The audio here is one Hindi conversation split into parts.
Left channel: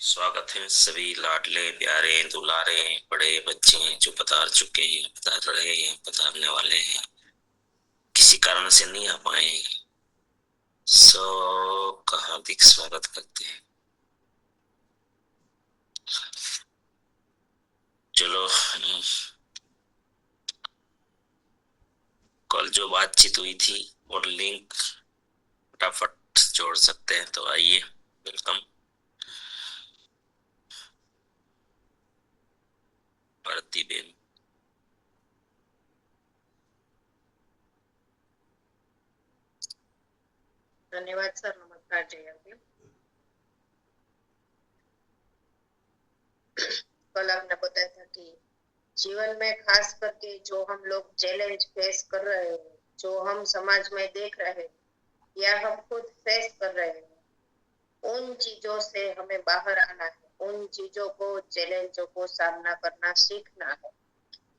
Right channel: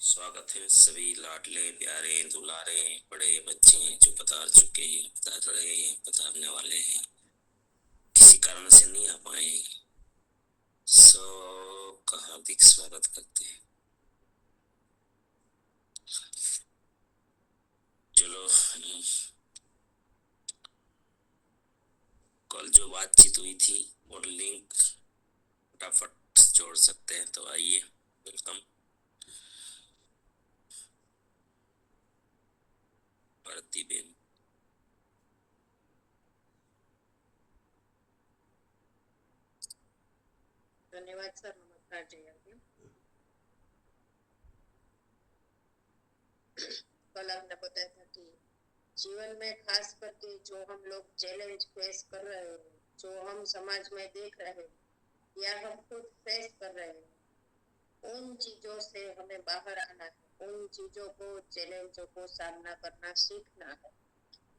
स्वागत है सभी लाडले प्यारे दुलारे बड़े बच्चे जो पधार चुके हैं, पधार रहे हैं, पधारने वाले हैं, किसी कारण से नहीं आ पाए, सबका हार्दिक स्वागत करते हैं। चलो, कल जो बातचीत हुई थी और लिंक फटाफट जोड़ सकते हैं तो आइए। वेलकम भारती बेन। धन्यवाद सर। नमस्कार जयंती। कल आपने बताया था कि जीवन में खास करके जो हम लोग चैलेंज फेस कर रहे हैं, जो हम समाज में देख रहे हैं या हम खुद फेस कर रहे हैं, उन चीजों से हमें बाहर आना है, उन चीजों को, चैलेंजों को सामना करना सीखना है।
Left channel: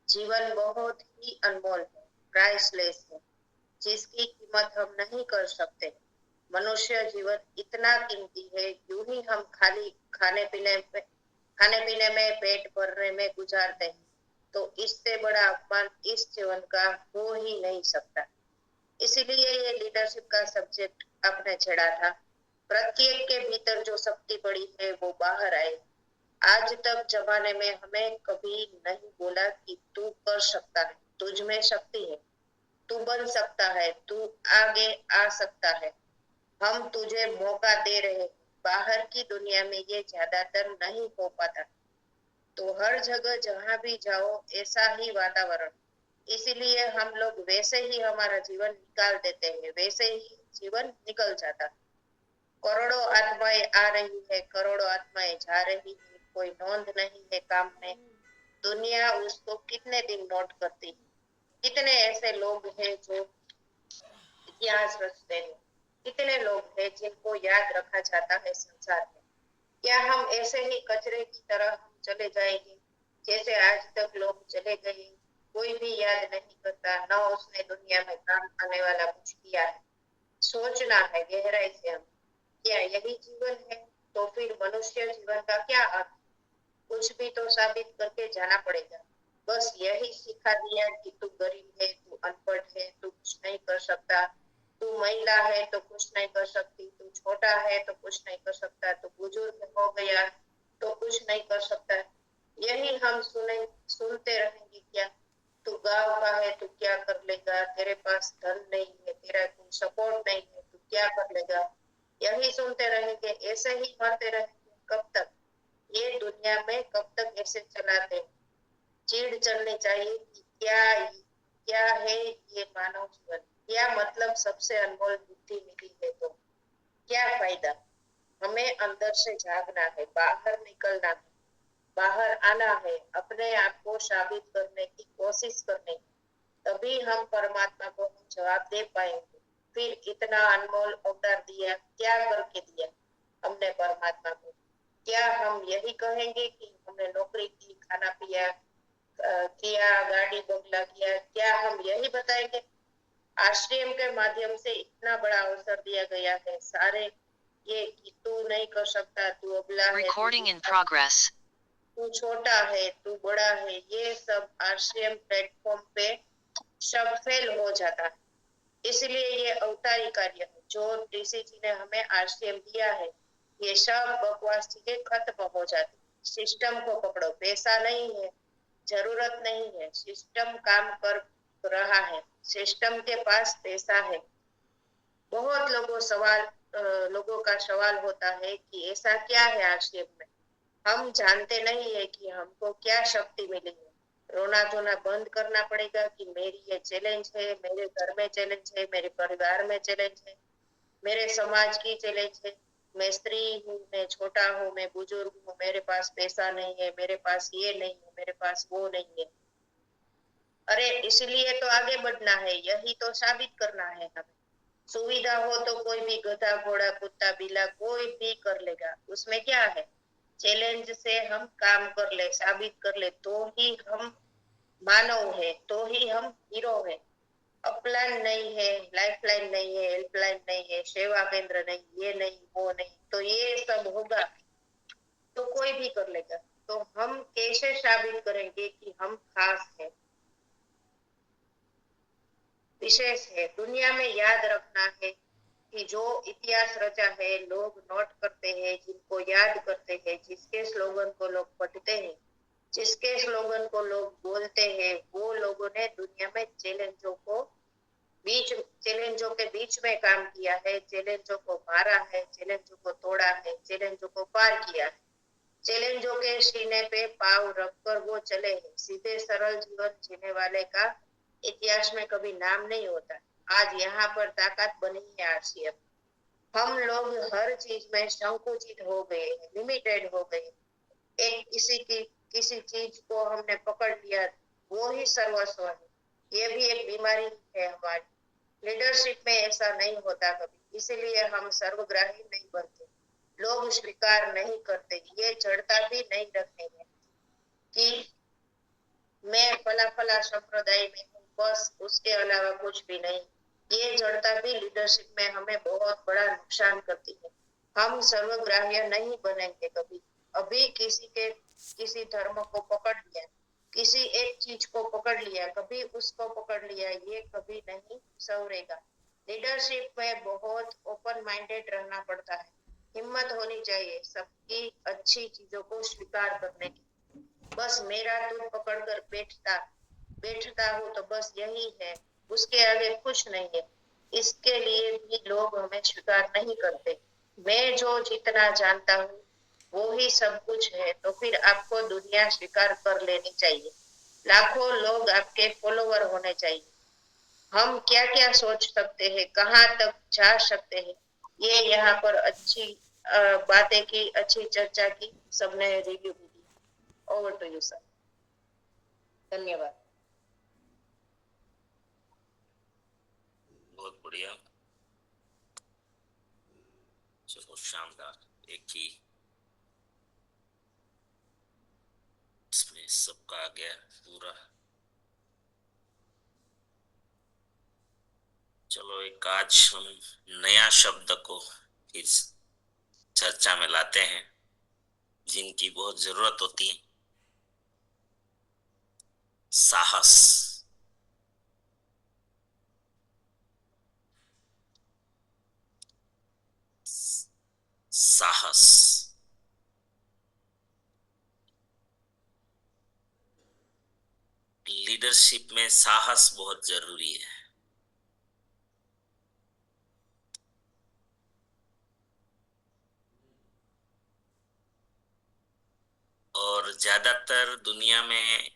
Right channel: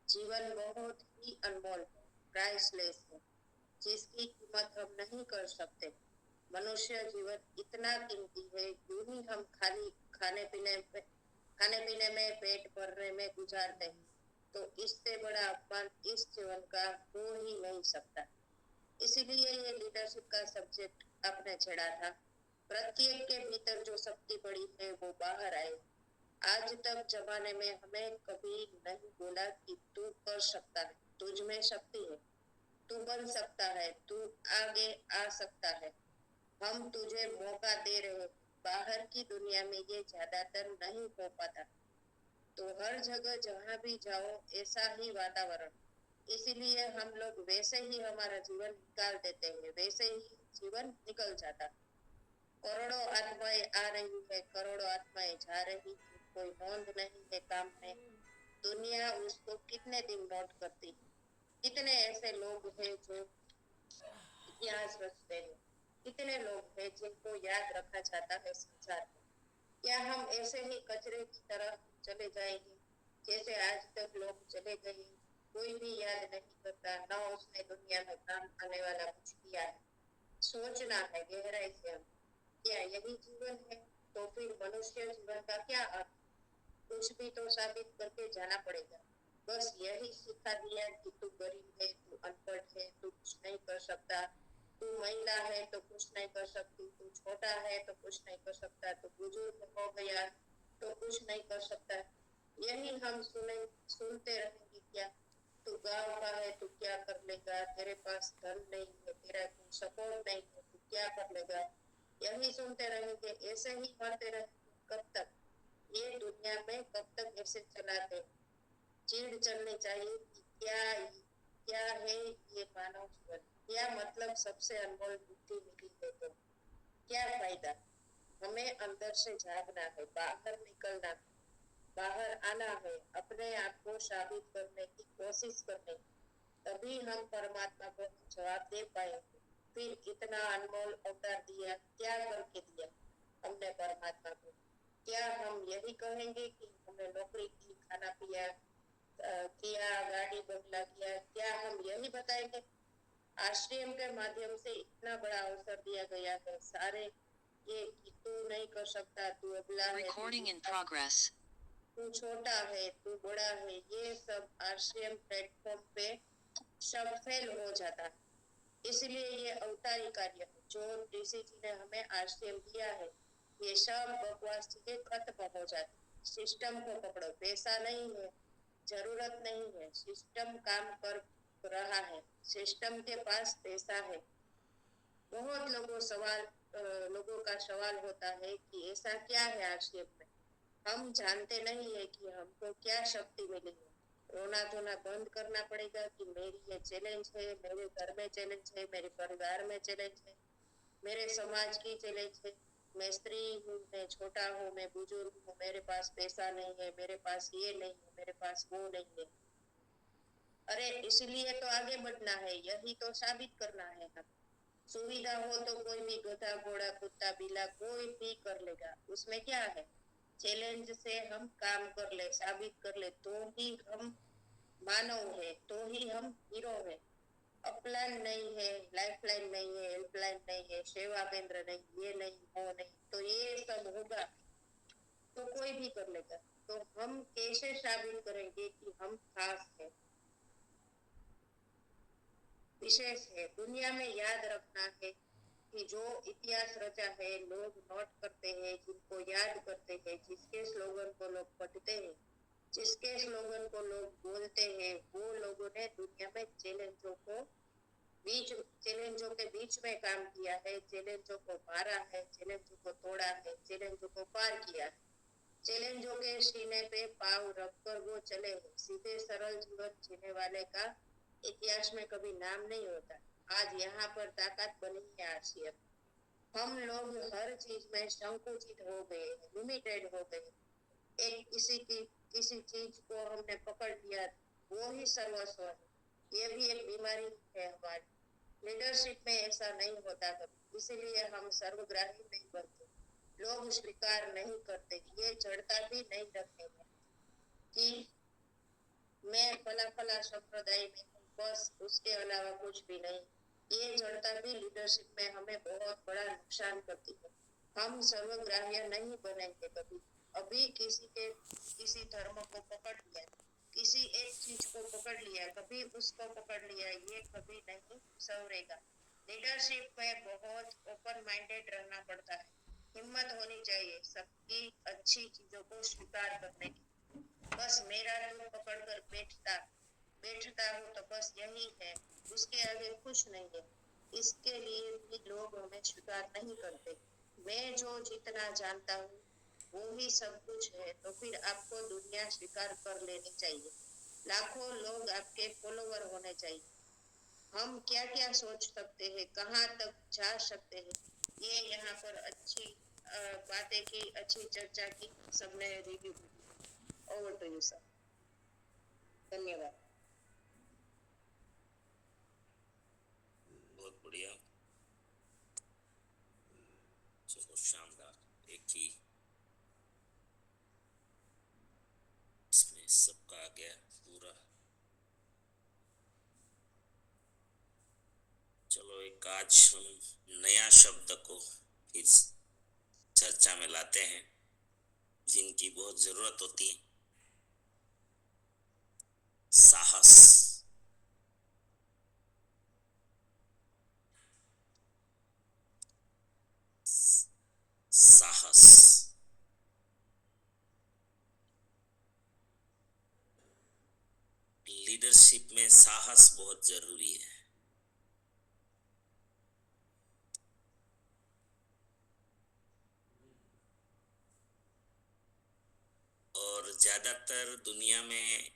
जीवन बहुत ही अनमोल है, प्राइसलेस है, जिसकी कीमत हम नहीं कर सकते। मनुष्य जीवन इतना कीमती है, यूं ही हम खाली खाने पीने में, पेट भरने में गुजारते हैं, तो इससे बड़ा अपमान इस जीवन का हो ही नहीं सकता। इसीलिए ये लीडरशिप का सब्जेक्ट आपने छेड़ा था। प्रत्येक के भीतर जो शक्ति पड़ी है वो बाहर आए। आज तक जमाने में हमें कभी नहीं बोला कि तू कर सकता है, तुझ में शक्ति है, तू बन सकता है, तू आगे आ सकता है, हम तुझे मौका दे रहे। बाहर की दुनिया में ये ज्यादातर नहीं हो पाता। तो हर जगह जहां भी जाओ ऐसा ही वातावरण, इसीलिए हम लोग वैसे ही हमारा जीवन निकाल देते हैं, वैसे ही जीवन निकल जाता। करोड़ों आत्माएं आ रही है, करोड़ों आत्माएं जा रही है, कोई नोंद नहीं है काम में। दुनिया उसको कितने दिन नोट करती है? कितने ऐसे लोग हैं जो इतिहास रचते हैं, कितने लोग हैं जिनको याद रखा जाता है संसार में? क्या हम ऐसे ही कचरे की तरह चले जाएंगे जैसे आज तक लोग चले गए? कोई भी याद नहीं करता, न उसने दुनिया में काम आने वाला कुछ किया है। सोचना है गहराई से हम, क्या यही जीवन है? तो फिर मनुष्य जीवन का क्या अर्थ? कुछ भी तो साबित करके जाना पड़ेगा। बस यही सिखा दिया कि तू गरीब है, तू अनपढ़ है, तू कुछ नहीं कर सकता, तू महिला है तो कुछ नहीं कर सकती, तू छोटा है तो कुछ नहीं कर सकता, तू बुजुर्ग हो गया तो कुछ नहीं कर सकता। यही हम सुनते रहेंगे क्या? तू गांव का है, तू क्या कर लेगा? तेरे पास धन नहीं है, तेरा कोई सपोर्ट नहीं है, तू क्या कर लेगा? यही सुनते रहेंगे, ऐसे ही मरते रहेंगे। कब तक ये दुनिया में, कब तक ऐसे चलाते? चिढ़ चलनी चाहिए कि क्या है ये मानव जीवन? क्या मतलब सबसे अनमोल बुद्धि मिली है तो क्या फायदा? हमें अंदर से जागना है, बाहर निकलना है, बाहर आना है, अपने आप को साबित करने की कोशिश करनी है। तभी हम परमात्मा को जवाब दे पाएंगे। फिर इतना अनमोल अवतार दिया, क्या करके दिया हमने परमात्मा को? क्या हम यही कहेंगे कि हमने नौकरी की, खाना पिया किया, गाड़ी बंगला किया? क्या हम यही बताएंगे? आश्रम के माध्यम से इतना बड़ा अवसर दिया गया है, सारे ये कि तू नहीं कर सकता, तू अबला है, Recording in progress. तू छोटा है, तू बड़ा है, ये सब आश्रम प्लेटफॉर्म पे सब फेल हो जाता है। इसलिए ये अवतारी कार्य है जो ऋषि जी ने हमें आश्रम दिया है, ये सब बकवास चीजें खत्म हो जाती। सिस्टम को पकड़ो, पैसा नहीं है, जरूरत नहीं है, सिस्टम काम कर रहा है, सिस्टम के पास पैसा है। बहुत लोगों का सवाल होता है कि ऐसा क्या है आश्रम में? हम जानते नहीं है कि हमको क्या शक्ति मिली है। रोना धोना बंद करना पड़ेगा कि मेरी ये चैलेंज है, मेरे घर में चैलेंज है, मेरे परिवार में चैलेंज है, मेरे समाज की चैलेंज है। मैं स्त्री हूँ, मैं छोटा हूँ, मैं बुजुर्ग हूँ, मेरे पास पैसा नहीं है, मेरे पास ये नहीं है, मेरे पास वो नहीं है। अरे इसलिए तो आगे बढ़ना है, यही तो साबित करना है हमें। सुविधा हो तो कोई भी गधा घोड़ा कुत्ता बिल्ला कोई भी कर लेगा, उसमें क्या है? चैलेंज से हम काम कर ले, साबित कर ले, तो ही हम मानव है, तो ही हम हीरो है। अपलाइन नहीं है, लाइफलाइन नहीं है, हेल्पलाइन नहीं है, सेवा केंद्र नहीं, ये नहीं वो नहीं, तो ये सब होगा तो कोई भी कर लेगा। तो हम कैसे साबित करेंगे कि हम खास है, विशेष है? दुनिया में याद रखना है कि जो इतिहास रचा है लोग नोट करते हैं, जिनको याद करते हैं, जिसके स्लोगन को लोग पढ़ते हैं, जिसके स्लोगन को लोग बोलते हैं, वो लोगों ने दुनिया में चैलेंजों के बीच में काम किया है, चैलेंजों को मारा है, चैलेंजों को तोड़ा है, चैलेंजों को पार किया है। चैलेंजों के सीने पे पाव रखकर वो चले हैं। सीधे सरल जीवन जीने वाले का इतिहास में कभी नाम नहीं होता। आज यहाँ पर ताकत बनी है आरसीएफ। हम लोग हर चीज में संकुचित हो गए हैं, लिमिटेड हो गए हैं। एक किसी चीज को हमने पकड़ लिया, वो ही सर्वस्व है। ये भी एक बीमारी है हमारी। लीडरशिप में ऐसा नहीं होता कभी, इसीलिए हम सर्वग्राही नहीं बनते। लोग स्वीकार नहीं करते, ये जड़ता भी नहीं रखते हैं कि मैं फला फला संप्रदाय में हूँ, बस उसके अलावा कुछ भी नहीं। ये जड़ता भी लीडरशिप में हमें बहुत बड़ा नुकसान करती है। हम सर्वग्राह्य नहीं बनेंगे कभी। अभी किसी धर्म को पकड़ लिया, किसी एक चीज को पकड़ लिया, कभी उसको पकड़ लिया, ये कभी नहीं संवरेगा। लीडरशिप में बहुत ओपन माइंडेड रहना पड़ता है। हिम्मत होनी चाहिए सबकी अच्छी चीजों को स्वीकार करने की। बस मेरा दूध पकड़कर बैठता हूँ तो बस यही है, उसके आगे कुछ नहीं है। इसके लिए भी लोग हमें स्वीकार नहीं करते। मैं जो जितना जानता हूँ वो ही सब कुछ है, तो फिर आपको दुनिया स्वीकार कर लेनी चाहिए। लाखों लोग आपके फॉलोवर होने चाहिए। हम क्या क्या सोच सकते हैं, कहाँ तक जा सकते हैं, ये यहाँ पर अच्छी बातें की, अच्छी चर्चा की, सबने रिव्यू भी दी। Over to you sir. धन्यवाद। बहुत बढ़िया। चलो शानदार। एक ही इसमें सबका आ गया पूरा। चलो एक आज हम नया शब्द को इस चर्चा में लाते हैं, जिनकी बहुत जरूरत होती है। साहस। साहस। लीडरशिप में साहस बहुत जरूरी है। और ज्यादातर दुनिया में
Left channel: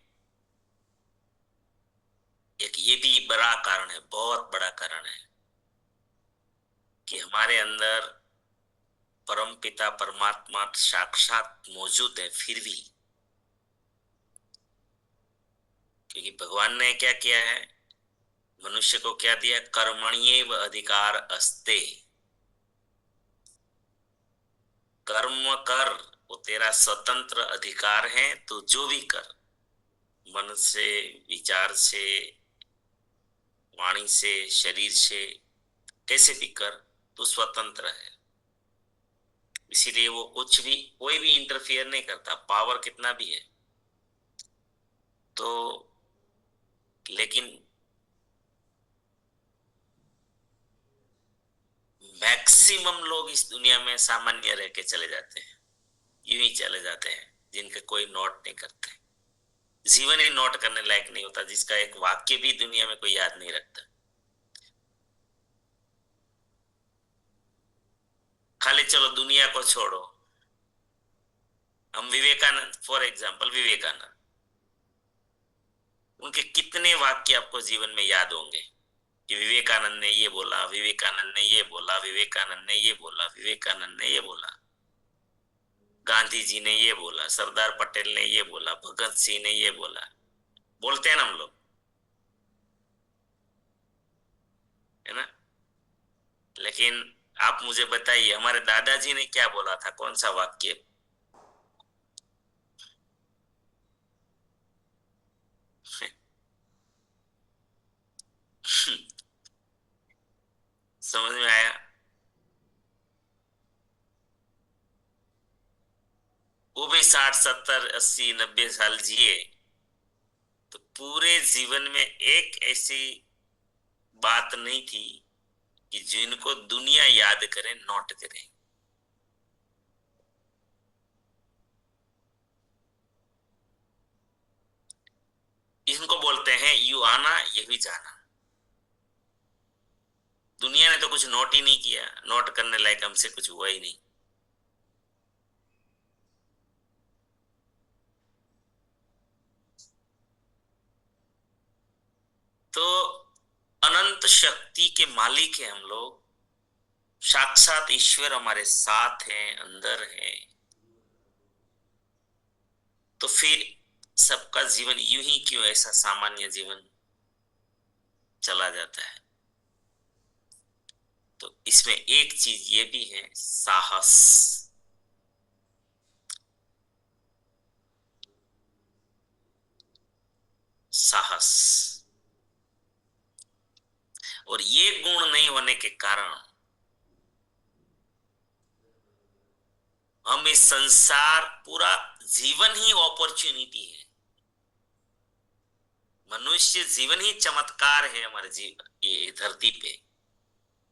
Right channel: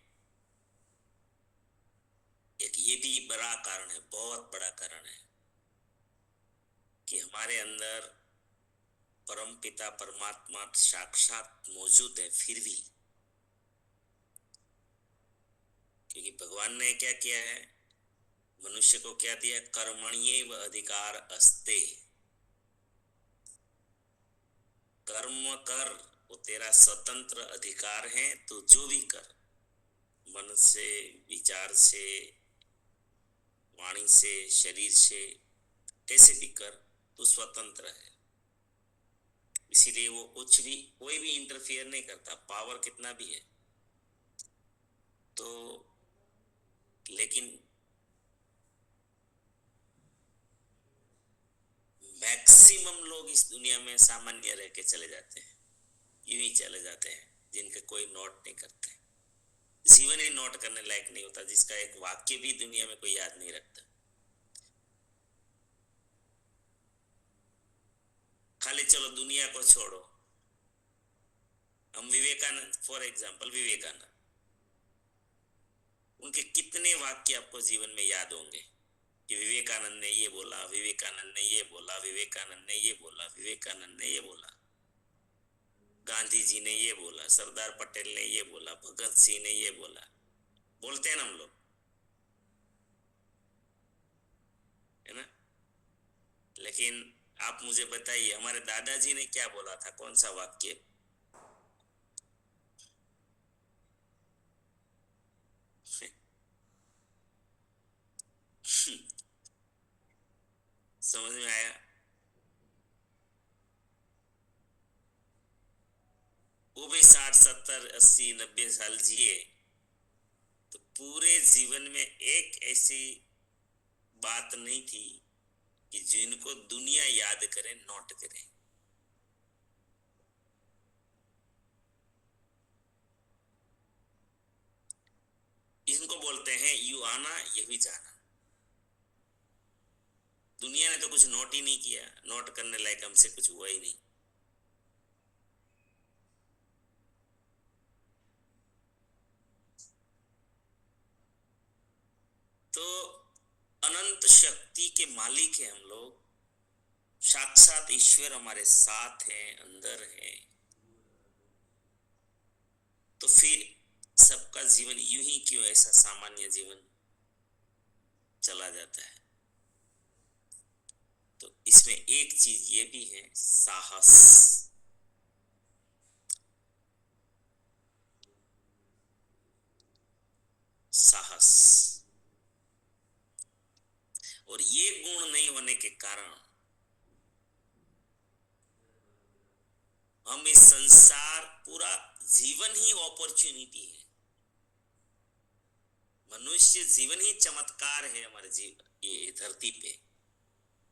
एक ये भी बड़ा कारण है, बहुत बड़ा कारण है, कि हमारे अंदर परमपिता परमात्मा साक्षात मौजूद है, फिर भी क्योंकि भगवान ने क्या किया है, मनुष्य को क्या दिया? कर्मण्येव अधिकार अस्ते। कर्म कर, वो तेरा स्वतंत्र अधिकार है। तो जो भी कर, मन से, विचार से, वाणी से, शरीर से, कैसे भी कर, तो स्वतंत्र है। इसीलिए वो कुछ भी, कोई भी इंटरफियर नहीं करता, पावर कितना भी है। तो लेकिन मैक्सिमम लोग इस दुनिया में सामान्य रह के चले जाते हैं, यूं ही चले जाते हैं, जिनके कोई नोट नहीं करते। जीवन ही नोट करने लायक नहीं होता, जिसका एक वाक्य भी दुनिया में कोई याद नहीं रखता। खाली चलो दुनिया को छोड़ो, हम विवेकानंद, फॉर एग्जाम्पल विवेकानंद, उनके कितने वाक्य आपको जीवन में याद होंगे कि विवेकानंद ने ये बोला, विवेकानंद ने ये बोला, विवेकानंद ने ये बोला, विवेकानंद ने ये बोला, गांधी जी ने ये बोला, सरदार पटेल ने ये बोला, भगत सिंह ने ये बोला। बोलते हैं ना हम लोग, है ना? लेकिन आप मुझे बताइए, हमारे दादाजी ने क्या बोला था, कौन सा वाक्य? समझ में आया? वो भी 60 70 80 90 साल जिए, तो पूरे जीवन में एक ऐसी बात नहीं थी कि जिनको दुनिया याद करे, नोट करे। इनको बोलते हैं यू आना ये भी जाना। दुनिया ने तो कुछ नोट ही नहीं किया, नोट करने लायक हमसे कुछ हुआ ही नहीं। तो अनंत शक्ति के मालिक है हम लोग, साक्षात ईश्वर हमारे साथ हैं, अंदर है। तो फिर सबका जीवन यूं ही क्यों ऐसा सामान्य जीवन चला जाता है? तो इसमें एक चीज ये भी है, साहस। साहस, और ये गुण नहीं होने के कारण हम इस संसार, पूरा जीवन ही अपॉर्चुनिटी है। मनुष्य जीवन ही चमत्कार है हमारे जीवन, ये धरती पे।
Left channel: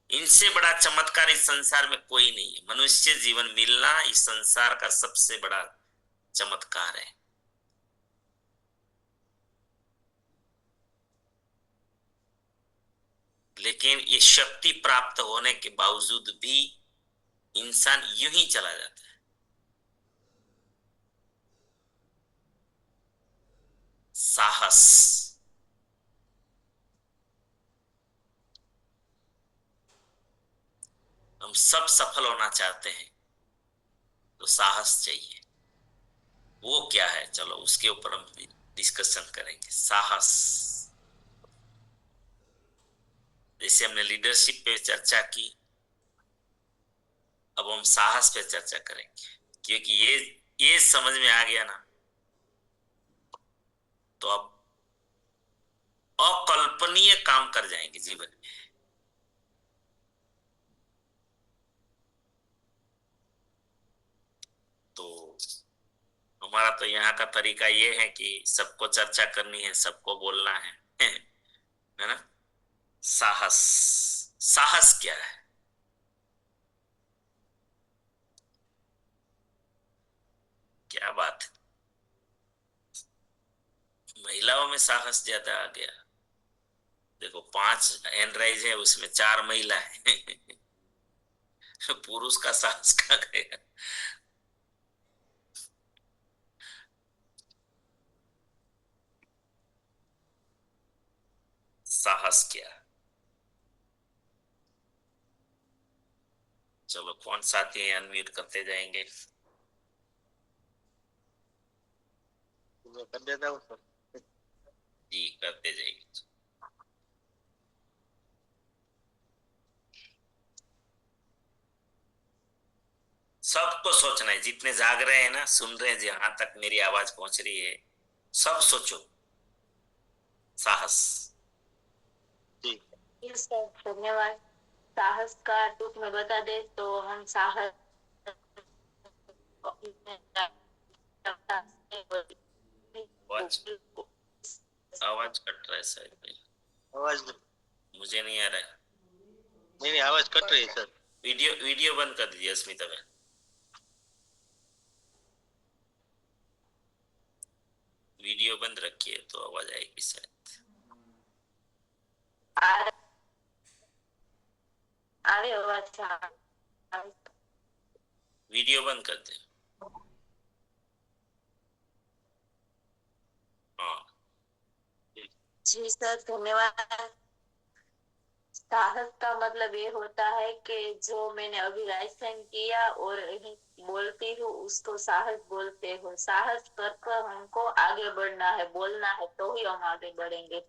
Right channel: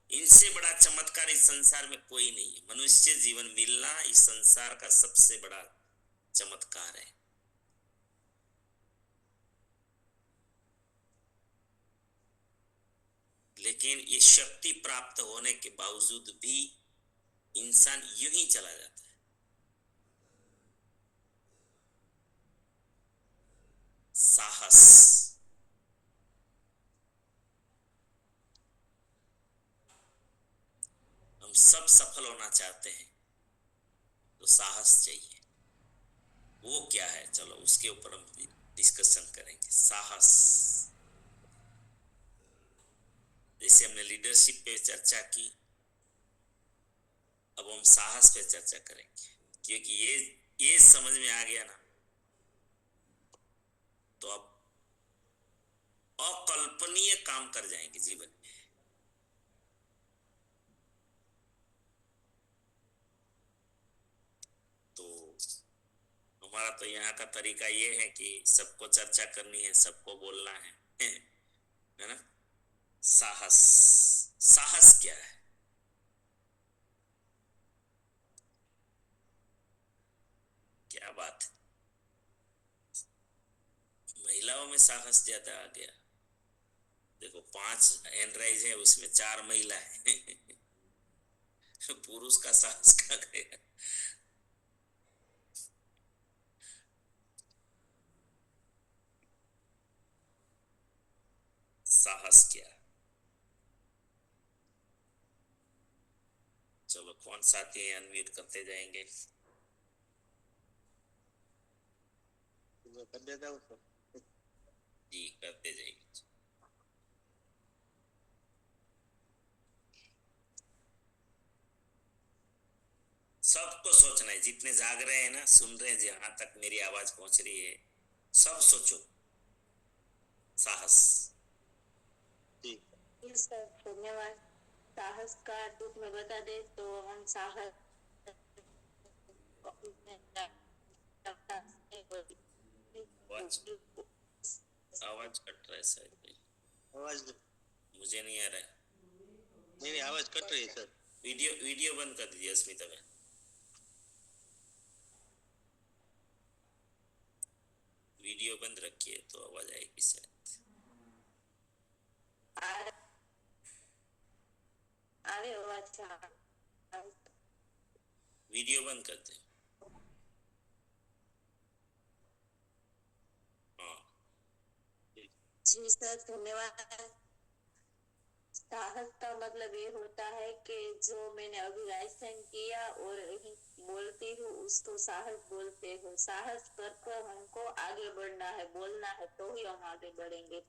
इनसे बड़ा चमत्कार इस संसार में कोई नहीं है। मनुष्य जीवन मिलना इस संसार का सबसे बड़ा चमत्कार है। लेकिन ये शक्ति प्राप्त होने के बावजूद भी इंसान यूं ही चला जाता है। साहस, हम सब सफल होना चाहते हैं तो साहस चाहिए। वो क्या है, चलो उसके ऊपर हम डिस्कशन करेंगे। साहस, जैसे हमने लीडरशिप पे चर्चा की, अब हम साहस पे चर्चा करेंगे। क्योंकि ये समझ में आ गया ना, तो अब अकल्पनीय काम कर जाएंगे जीवन में। तो हमारा तो यहाँ का तरीका ये है कि सबको चर्चा करनी है, सबको बोलना है ना। साहस, साहस क्या है? क्या बात है, महिलाओं में साहस ज्यादा आ गया। देखो 5 हैंड राइज है, उसमें 4 महिला है। पुरुष का साहस कहाँ गया? साहस क्या? चलो कौन साथी है, अनम्यूट करते जाएंगे। कर देता हूँ सर। जी करते जाएंगे। सबको सोचना है, जितने जाग रहे हैं ना, सुन रहे हैं, जहां तक मेरी आवाज पहुंच रही है, सब सोचो साहस। जी सर, धन्यवाद। साहस का टूक में बता दे तो हम साहस आवाज कट रहा है शायद, आवाज मुझे नहीं आ रहा है। नहीं आवाज कट रही है सर। वीडियो बंद कर दीजिए अस्मिता में। वीडियो बंद रखिए तो आवाज आएगी शायद। वीडियो बंद कर दे। हाँ जी सर, धन्यवाद। साहस का मतलब ये होता है कि जो मैंने अभी राइसन किया और बोलती हूँ उसको साहस बोलते हो। साहस कर हमको आगे बढ़ना है, बोलना है, तो ही हम आगे बढ़ेंगे।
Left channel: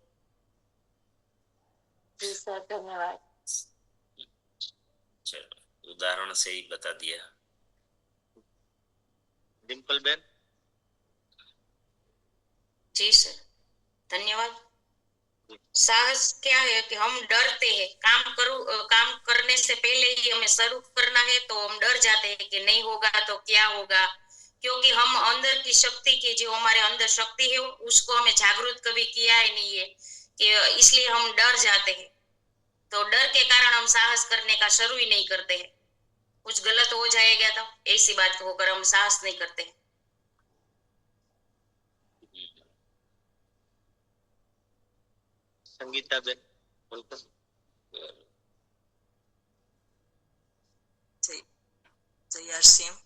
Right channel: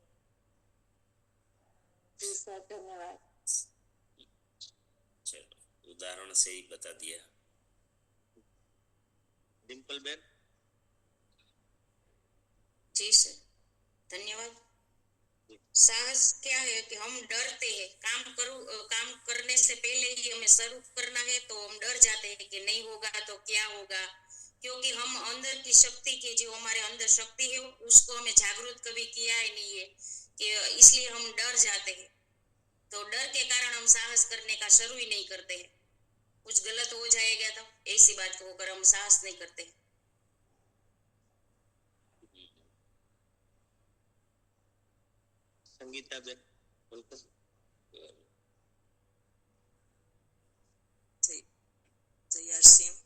जी सर, धन्यवाद। चलो उदाहरण से ही बता दिया। डिम्पल बेन। जी सर, धन्यवाद। साहस क्या है कि हम डरते हैं, काम करने से पहले ही हमें शुरू करना है तो हम डर जाते हैं कि नहीं होगा तो क्या होगा, क्योंकि हम अंदर की शक्ति की जो हमारे अंदर शक्ति है उसको हमें जागृत कभी किया ही नहीं है कि इसलिए हम डर जाते हैं। तो डर के कारण हम साहस करने का शुरू ही नहीं करते हैं। कुछ गलत हो जाएगा तो ऐसी बात होकर हम साहस नहीं करते हैं। Sangeeta Ben welcome. जयसिंह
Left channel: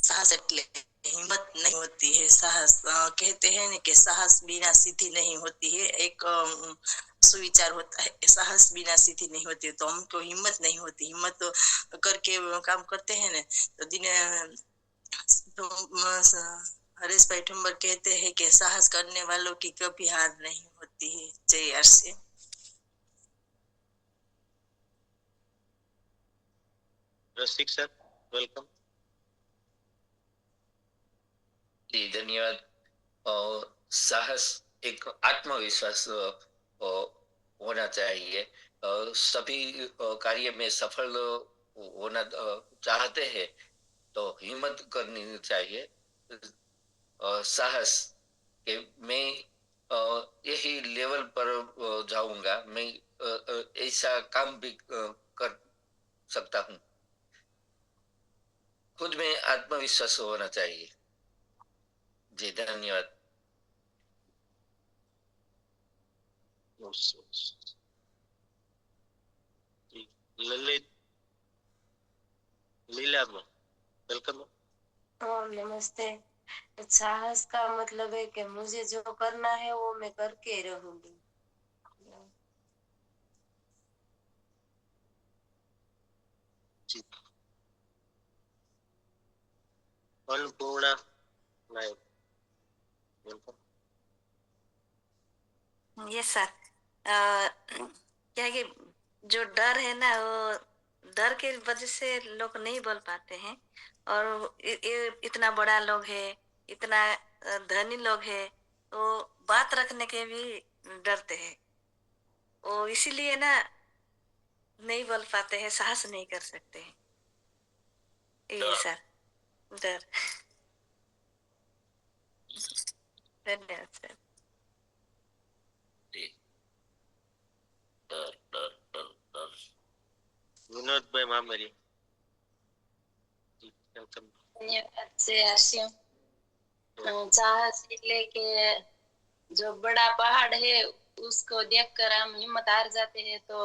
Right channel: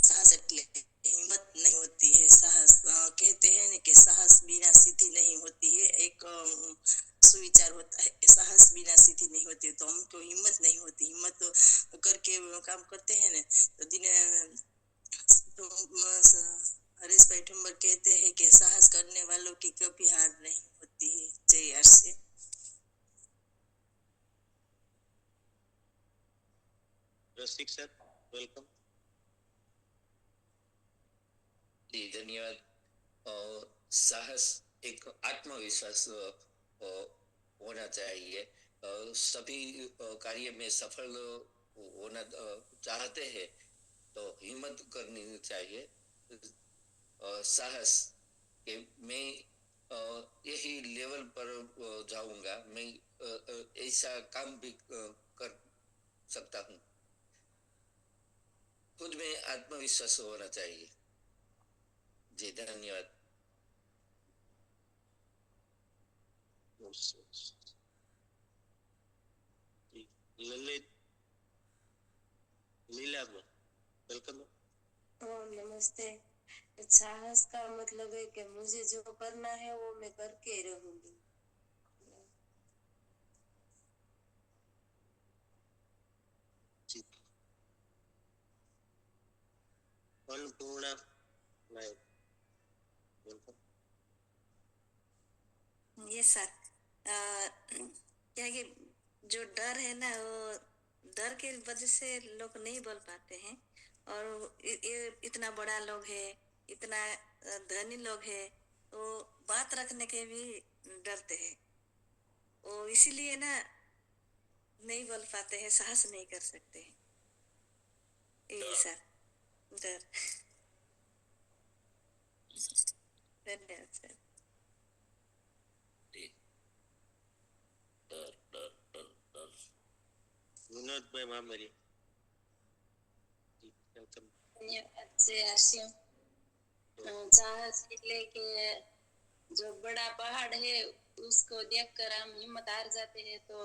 साहस એટલે हिम्मत नहीं होती है। साहस कहते हैं ना कि साहस बिना सिद्धि नहीं होती है। एक सुविचार होता है कि साहस बिना सिद्धि नहीं होती है। तो हमको हिम्मत नहीं होती। हिम्मत तो करके काम करते हैं ना तो दिन तो हरीश भाई ठुम्बर कहते हैं कि साहस करने वालों की कभी हार नहीं होती है। जय आरसी। रसिक सर वेलकम। जी धन्यवाद। साहस एक आत्मविश्वास होना चाहिए। सभी कार्य में सफल होना चाहते हैं तो हिम्मत करनी चाहिए। साहस कि मैं यही लेवल पर जाऊंगा, मैं ऐसा काम भी कर सकता हूँ। खुद में आत्मविश्वास होना चाहिए। जी धन्यवाद। ललित लीला वेलकम। नमस्ते। साहस का मतलब है कि मुझे जो करना है वो मैं करके रहूंगी। अन्नपूर्णा नायक वेलकम। ये सर क्या है कि जो डर है ना वो डर के वजह से लोग नहीं बोल पाते हैं। और इतना बड़ा लोग है, इतना धनी लोग है तो बात रखने के भी डरते हैं। वो इसीलिए ना नहीं बोल पाते हैं, साहस नहीं कर सकते हैं। ये सर डर। धन्यवाद सर। विनोद भाई मामरी वेलकम। धन्यवाद से आशिम। साहस એટલે કે जो बड़ा पहाड़ है उसको देखकर हम हिम्मत हार जाते हैं तो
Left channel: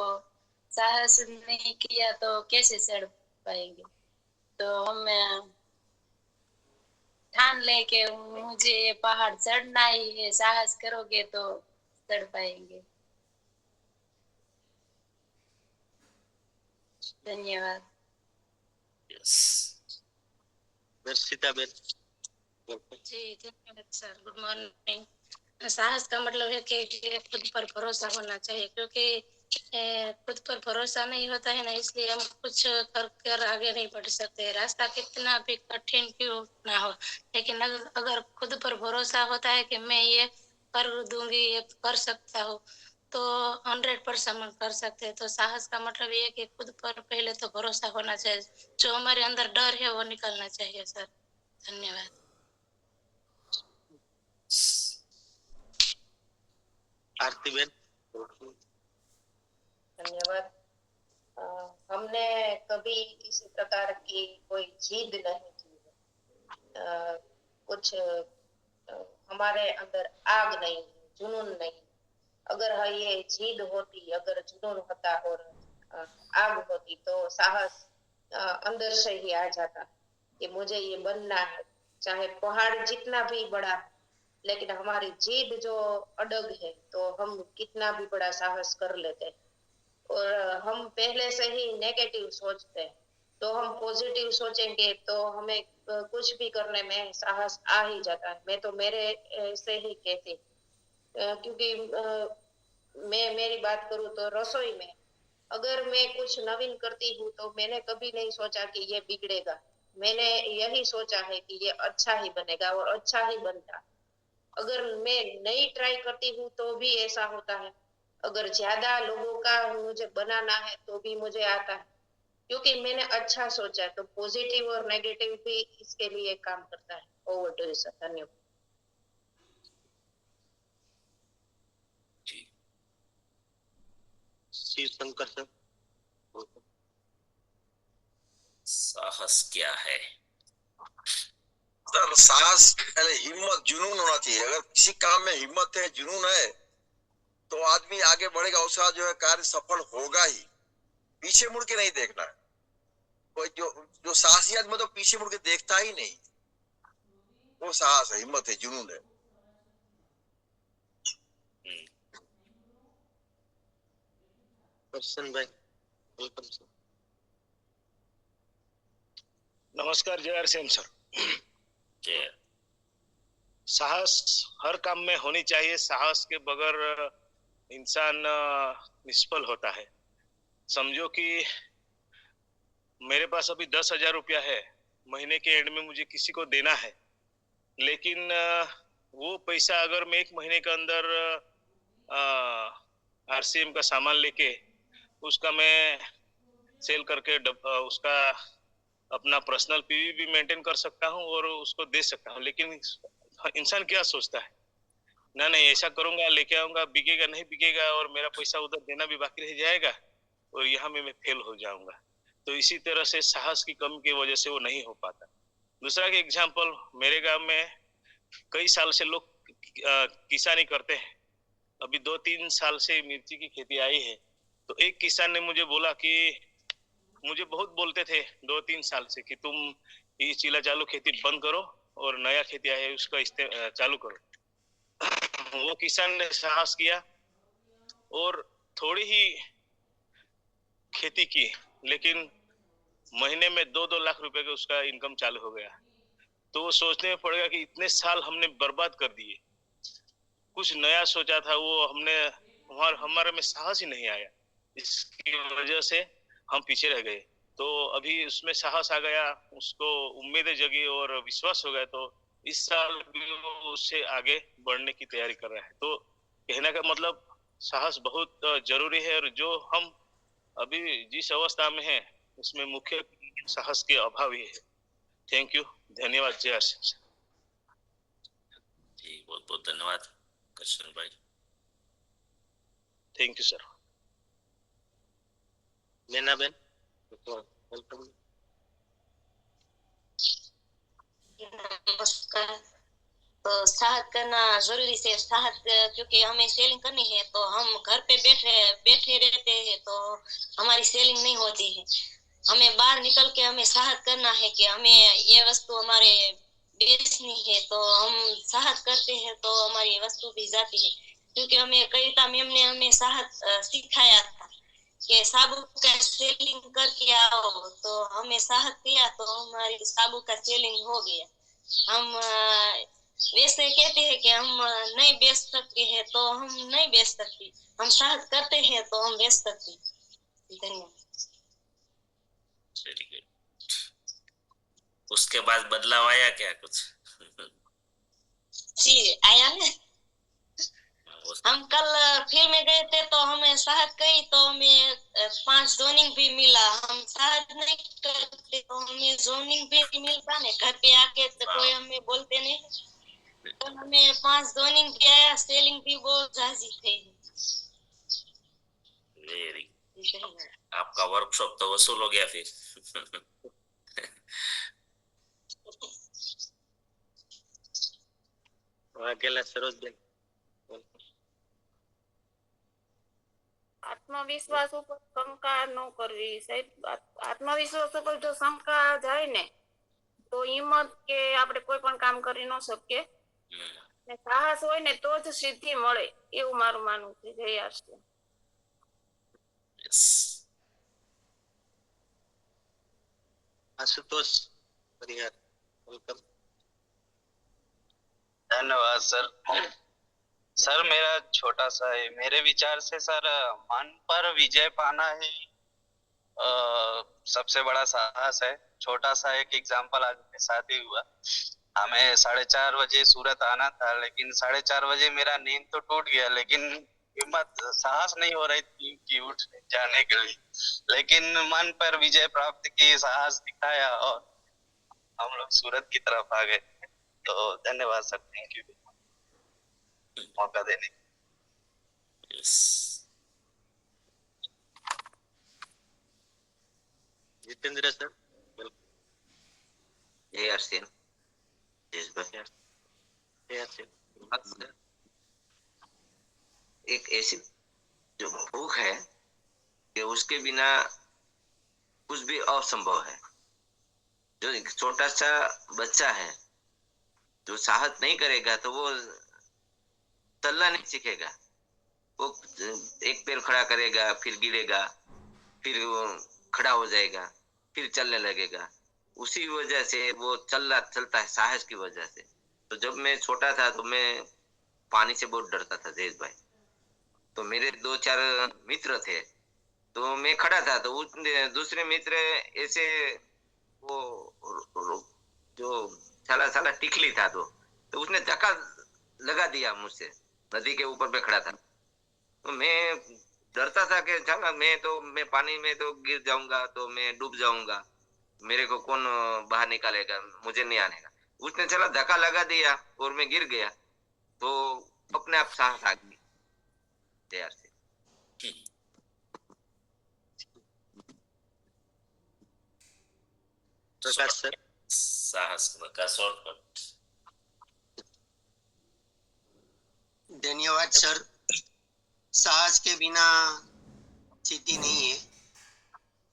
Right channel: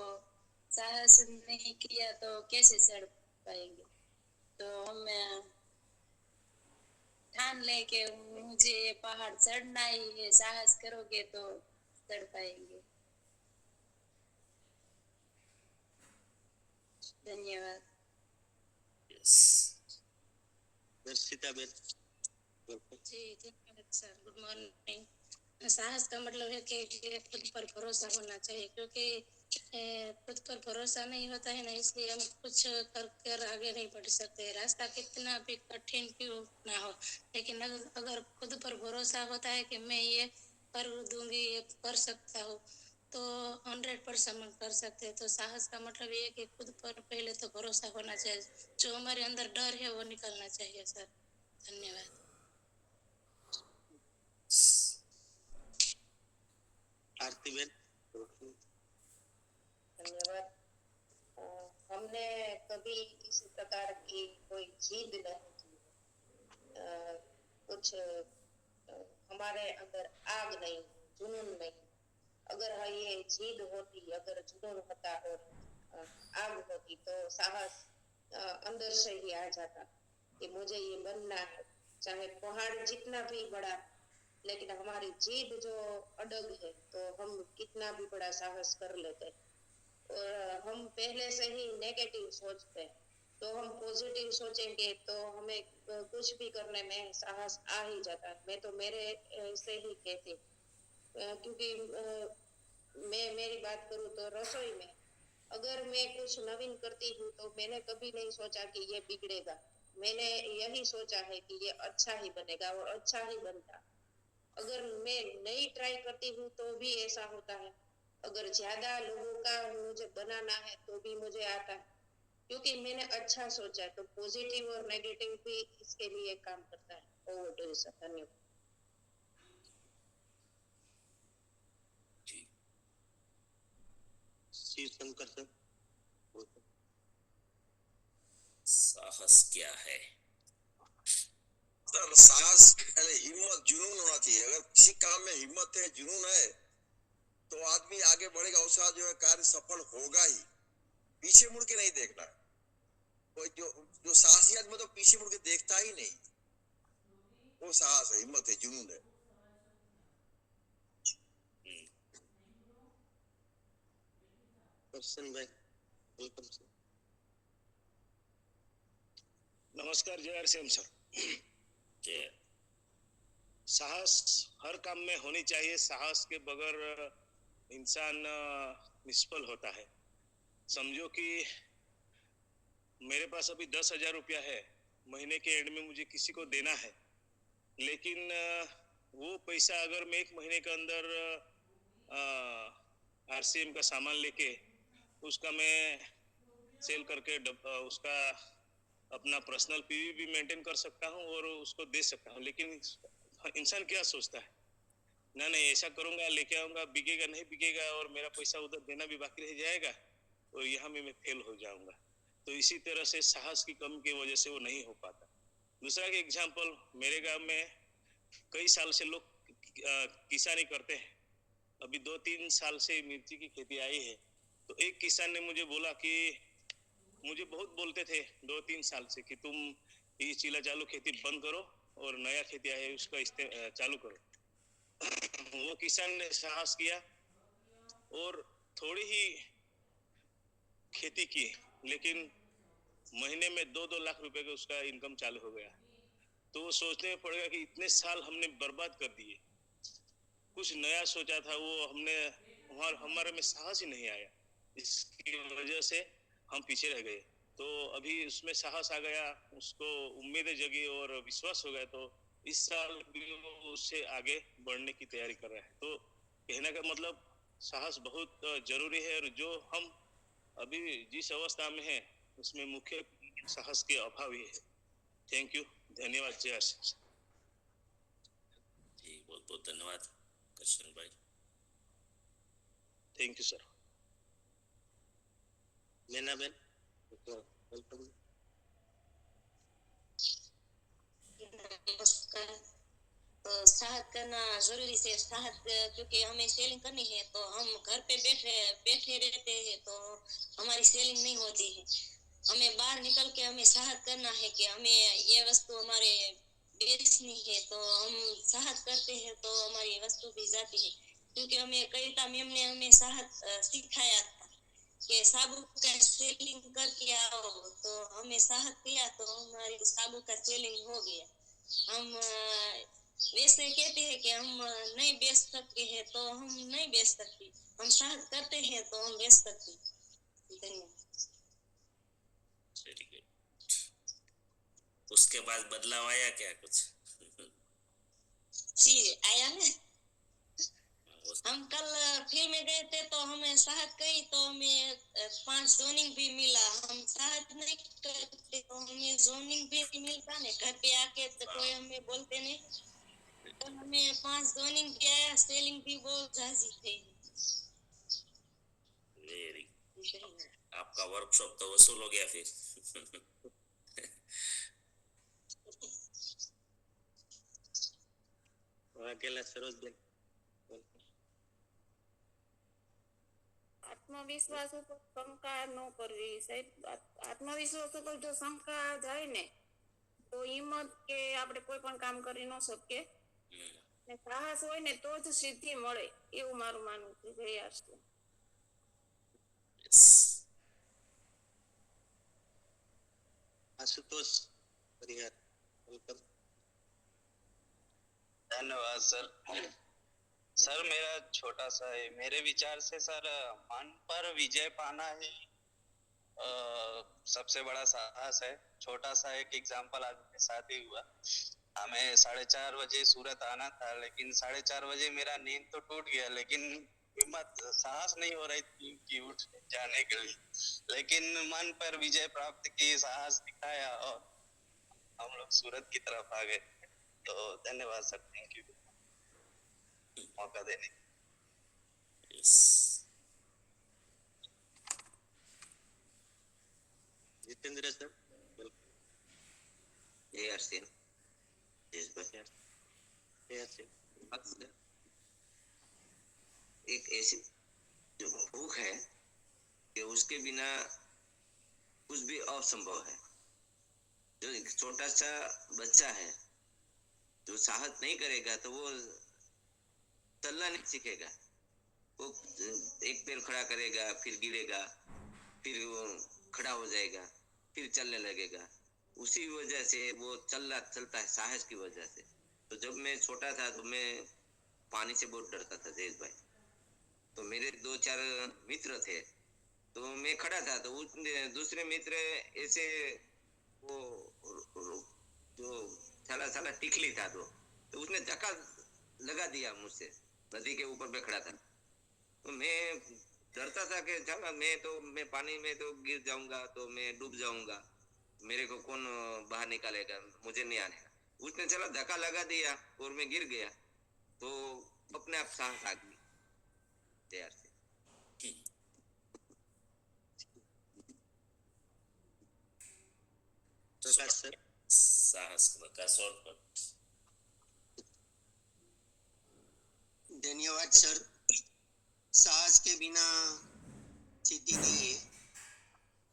साहस नहीं किया तो कैसे चढ़ पाएंगे। तो हम ठान ले के मुझे ये पहाड़ चढ़ना ही है, साहस करोगे तो चढ़ पाएंगे। धन्यवाद। दर्शिता बेन जी धन्यवाद सर। Good morning. साहस का मतलब है कि खुद पर भरोसा होना चाहिए, क्योंकि खुद पर भरोसा नहीं होता है ना, इसलिए हम कुछ कर आगे नहीं बढ़ सकते। रास्ता कितना भी कठिन क्यों ना हो, लेकिन अगर खुद पर भरोसा होता है कि मैं ये कर दूंगी, ये कर सकता हूँ, तो 100% हम कर सकते हैं। तो साहस का मतलब ये है कि खुद पर पहले तो भरोसा होना चाहिए। जो हमारे अंदर डर है वो निकलना चाहिए सर। धन्यवाद। आरती बेन धन्यवाद। हमने कभी इसी प्रकार की कोई जिद नहीं की। कुछ हमारे अंदर आग नहीं, जुनून नहीं। अगर ये जिद होती, अगर जुनून होता और आग होती तो साहस अंदर से ही आ जाता कि मुझे ये बनना है, चाहे पहाड़ जितना भी बड़ा है। लेकिन हमारी जिद जो अडग है तो हम कितना भी बड़ा साहस कर लेते हैं। और हम पहले से ही नेगेटिव सोचते हैं, तो हम पॉजिटिव सोचेंगे तो हमें कुछ भी करने में साहस आ ही जाता है। मैं तो मेरे से ही कहती, क्योंकि मैं मेरी बात करूँ तो रसोई में अगर मैं कुछ नवीन करती हूँ तो मैंने कभी नहीं सोचा कि ये बिगड़ेगा। मैंने यही सोचा है कि ये अच्छा ही बनेगा और अच्छा ही बनता। अगर मैं नई ट्राई करती हूँ तो भी ऐसा होता है। अगर ज्यादा लोगों का मुझे बनाना है तो भी मुझे आता है। क्योंकि मैंने अच्छा सोचा, तो पॉजिटिव और नेगेटिव भी इसके लिए काम करता है। ओवर टू यू सर, धन्यवाद। शिव शंकर सर। साहस क्या है? सर साहस पहले हिम्मत जुनून होना चाहिए। अगर किसी काम में हिम्मत है, जुनून है, तो आदमी आगे बढ़ेगा, उसका जो है कार्य सफल होगा ही। पीछे मुड़ के नहीं देखना है। कोई जो साहसी आदमी तो पीछे मुड़ के देखता ही नहीं, वो साहस है, हिम्मत है, जुनून है। दर्शन भाई, वेलकम सर। नमस्कार, जय आर सेम सर। जय। साहस हर काम में होनी चाहिए। साहस के बगैर इंसान निष्फल होता है। समझो कि मेरे पास अभी 10,000 रुपया है, महीने के एंड में मुझे किसी को देना है, लेकिन वो पैसा अगर मैं 1 महीने के अंदर RCM का सामान लेके उसका मैं सेल करके उसका अपना पर्सनल PV भी मेंटेन कर सकता हूँ और उसको दे सकता हूँ। लेकिन इंसान क्या सोचता है, ना नहीं ऐसा करूंगा, लेके आऊंगा, बिकेगा नहीं बिकेगा और मेरा पैसा उधर देना भी बाकी रह जाएगा और यहाँ में मैं फेल हो जाऊंगा। तो इसी तरह से साहस की कमी की वजह से वो नहीं हो पाता। दूसरा के एग्जाम्पल, मेरे गांव में कई साल से लोग किसानी करते हैं। अभी 2-3 साल से मिर्ची की खेती आई है। तो एक किसान ने मुझे बोला कि मुझे बहुत बोलते थे 2-3 साल से कि तुम ये चीला चालू खेती बंद करो और नया खेती आया है उसका चालू करो। वो किसान ने साहस किया और थोड़ी ही खेती की, लेकिन महीने में 2-2 लाख रुपए का उसका इनकम चालू हो गया। तो वो सोचने में पड़ेगा कि इतने साल हमने बर्बाद कर दिए, कुछ नया सोचा था वो हमने, हमारे में साहस ही नहीं आया, इसकी वजह से हम पीछे रह गए। तो अभी उसमें साहस आ गया, उसको उम्मीदें जगी और विश्वास हो गया। तो इस साल भी वो उससे आगे बढ़ने की तैयारी कर रहा है। तो कहने का मतलब साहस बहुत जरूरी है और जो हम अभी जिस अवस्था में हैं उसमें मुख्य साहस के अभाव ही है। थैंक यू, धन्यवाद। जय आर सिंह। जी बहुत बहुत धन्यवाद कृष्ण भाई। Thank you sir. Meena Ben, welcome. नमस्कार। तो साहस करना जरूरी है। साहस क्योंकि हमें सेलिंग करनी है, तो हम घर पे बैठे रहते हैं तो हमारी सेलिंग नहीं होती है। हमें बाहर निकल के हमें साहस करना है कि हमें ये वस्तु हमारे बेचनी है, तो हम साहस करते हैं तो हमारी वस्तु भी जाती है। क्योंकि हमें कविता मैम ने हमें साहस सिखाया था कि साबु का सेलिंग करके आओ, तो हमें साहस किया तो हमारी साबु का सेलिंग हो गया। हम वैसे कहते हैं कि हम नहीं बेच सकते हैं तो हम नहीं बेच सकते, हम साहस करते हैं तो हम बेच सकते हैं। धन्यवाद। उसके बाद बदलाव आया क्या कुछ? जी आया है। हम कल फील्ड में गए थे तो हमें साहस कही तो हमें 5 जोनिंग भी मिला। हम साहस नहीं करते तो हमें जोनिंग भी नहीं मिलता ने, घर पे आके तो कोई हमें बोलते नहीं, तो हमें 5 जोनिंग भी आया, सेलिंग भी बहुत राजी थे। आपका वर्कशॉप तो वसूल हो गया फिर। अकेला सरोज बेन। આત્મવિશ્વાસ ઉપર શંકા ન કરવી સાહેબ। આત્મવિશ્વાસ ઉપર જો શંકા જાય ને તો હિંમત કે આપણે કોઈ પણ કામ કરી ન શકીએ, ને સાહસ હોય ને તો જ સિદ્ધિ મળે, એવું મારું માનવું છે। જય આશ્રમ। आशुतोष परिहार, वेलकम। धन्यवाद सर। सर मेरा छोटा सा है, मेरे विचार से सर मन पर विजय पाना ही सबसे बड़ा साहस है। छोटा सा एक एग्जांपल आज मेरे साथ ही हुआ। हमें 4:30 बजे सूरत आना था, लेकिन 4:30 बजे मेरा नींद तो टूट गया, लेकिन हिम्मत साहस नहीं हो रही थी कि उठ जाने के लिए, लेकिन मन पर विजय प्राप्त की, साहस दिखाया और हम लोग सूरत की तरफ आ गए। तो धन्यवाद सर, थैंक यू मौका देने के लिए। Yes. जितेंद्र सर, ARCN, देशभक्त। एक ऐसी जो भूख है कि उसके बिना कुछ भी असंभव है। जो एक छोटा सा बच्चा है जो साहस नहीं करेगा तो वो चलना नहीं सीखेगा। वो एक पैर खड़ा करेगा, फिर गिरेगा, फिर वो खड़ा हो जाएगा, फिर चलने लगेगा। उसी वजह से वो चलता है साहस की वजह से। तो जब मैं छोटा था तो मैं पानी से बहुत डरता था देश भाई। तो मेरे 2-4 मित्र थे, तो मैं खड़ा था तो दूसरे मित्र ऐसे वो जो साला टिकली था तो उसने धक्का लगा दिया मुझसे। नदी के ऊपर पे खड़ा था तो मैं डरता था कि चला मैं पानी में तो गिर जाऊंगा, तो मैं डूब जाऊंगा, मेरे को कौन बाहर निकालेगा, मुझे नहीं आने का। उसने चला धक्का लगा दिया और मैं गिर गया, तो अपने आप साहस आ गई तैयार से। प्रकाश सर, साहस का शॉर्टकट। धन्यवाद सर। साहस के बिना सिद्धि नहीं है।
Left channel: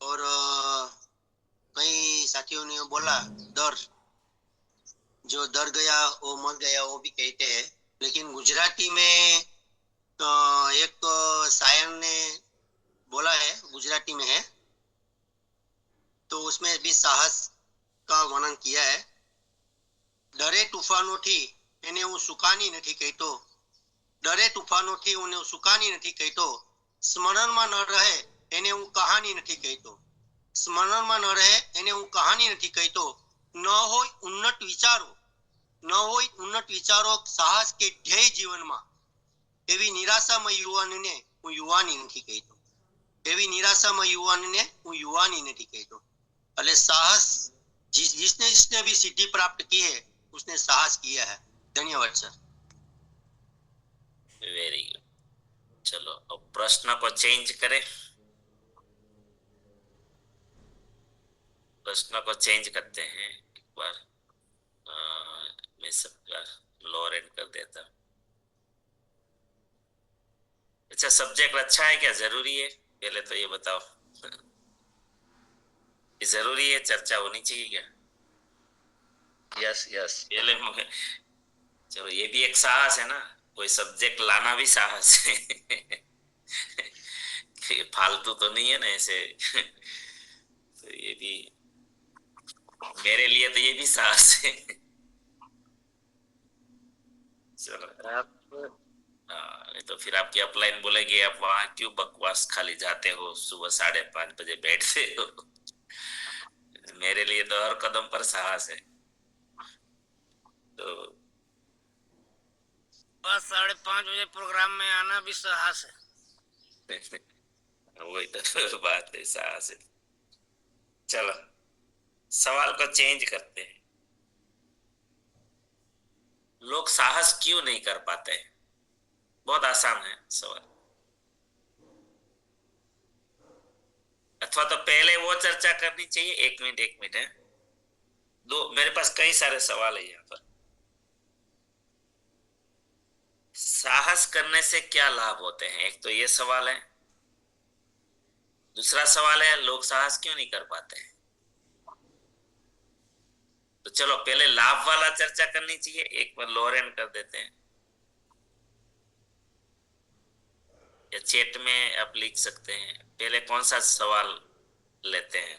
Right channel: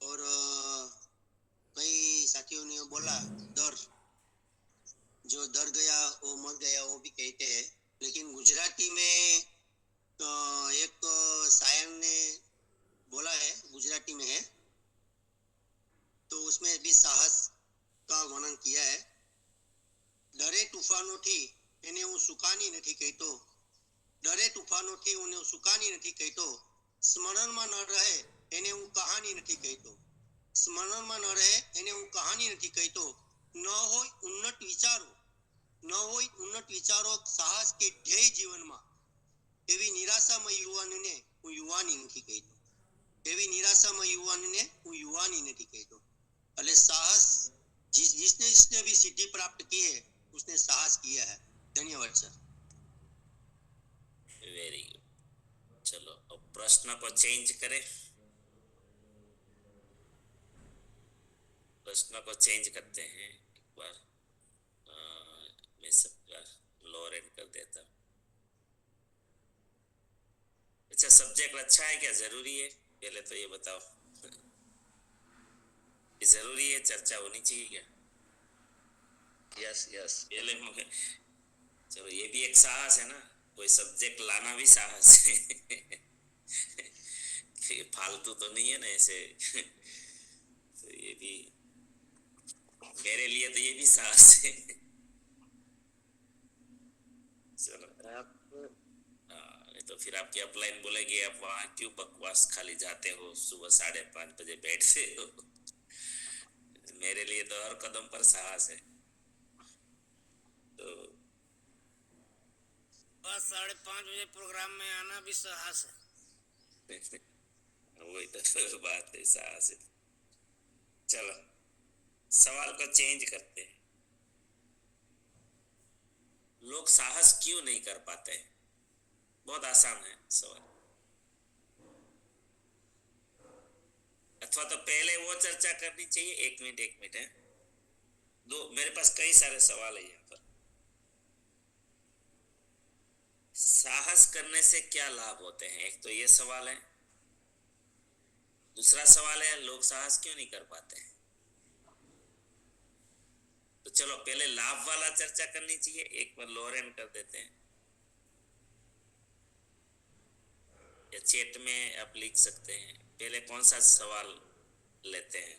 और कई साथियों ने बोला डर, जो डर गया वो मर गया, वो भी कहते हैं। लेकिन गुजराती में एक शायर ने बोला है, गुजराती में है, तो उसमें भी साहस का वर्णन किया है। डरे तूफानोथी એને હું સુકાની નથી કહેતો, ડરે તૂફાનોથી હું સુકાની નથી કહેતો, સ્મરણમાં ન રહે એને હું કહાની નથી કહેતો, સ્મરણમાં ન રહે એને હું કહાની નથી કહેતો, ન હોય ઉન્નત વિચારો, ન હોય ઉન્નત વિચારો, સાહસ કે ધ્યેય જીવનમાં, એવી નિરાશામાં યુવાનને હું યુવાની નથી કહેતો, એવી નિરાશામાં યુવાનને હું યુવાની નથી કહેતો। એટલે સાહસ जिसने भी सिद्धि प्राप्त की है उसने साहस किया है। धन्यवाद सर। Very good. चलो अब प्रश्न को चेंज करें। प्रश्न को चेंज करते हैं एक बार। मैं सबका लोअर एंड कर देता हूँ। अच्छा, सब्जेक्ट अच्छा है क्या, जरूरी है? पहले तो ये बताओ, ये जरूरी है, चर्चा होनी चाहिए क्या? Yes yes. पहले चलो, ये भी एक साहस है ना, कोई सब्जेक्ट लाना भी साहस है। फालतू तो नहीं है ना ऐसे। तो ये भी मेरे लिए तो ये भी साहस है। चलो तो फिर आपकी अपलाइन बोलेगी आप वहां क्यों बकवास खाली जाते हो, सुबह 5:30 बजे बैठते हो। मेरे लिए तो हर कदम पर साहस है। तो बस 5:30 बजे प्रोग्राम में आना भी साहस है। वही तो बात है, साहस है। चलो सवाल को चेंज करते हैं। लोग साहस क्यों नहीं कर पाते? बहुत आसान है सवाल। अथवा तो पहले वो चर्चा करनी चाहिए। एक मिनट है, मेरे पास कई सारे सवाल है यहाँ पर। साहस करने से क्या लाभ होते हैं, एक तो ये सवाल है। दूसरा सवाल है लोग साहस क्यों नहीं कर पाते हैं। तो चलो पहले लाभ वाला चर्चा करनी चाहिए, एक बार लोअर एंड कर देते हैं, या चैट में आप लिख सकते हैं। पहले कौन सा सवाल लेते हैं,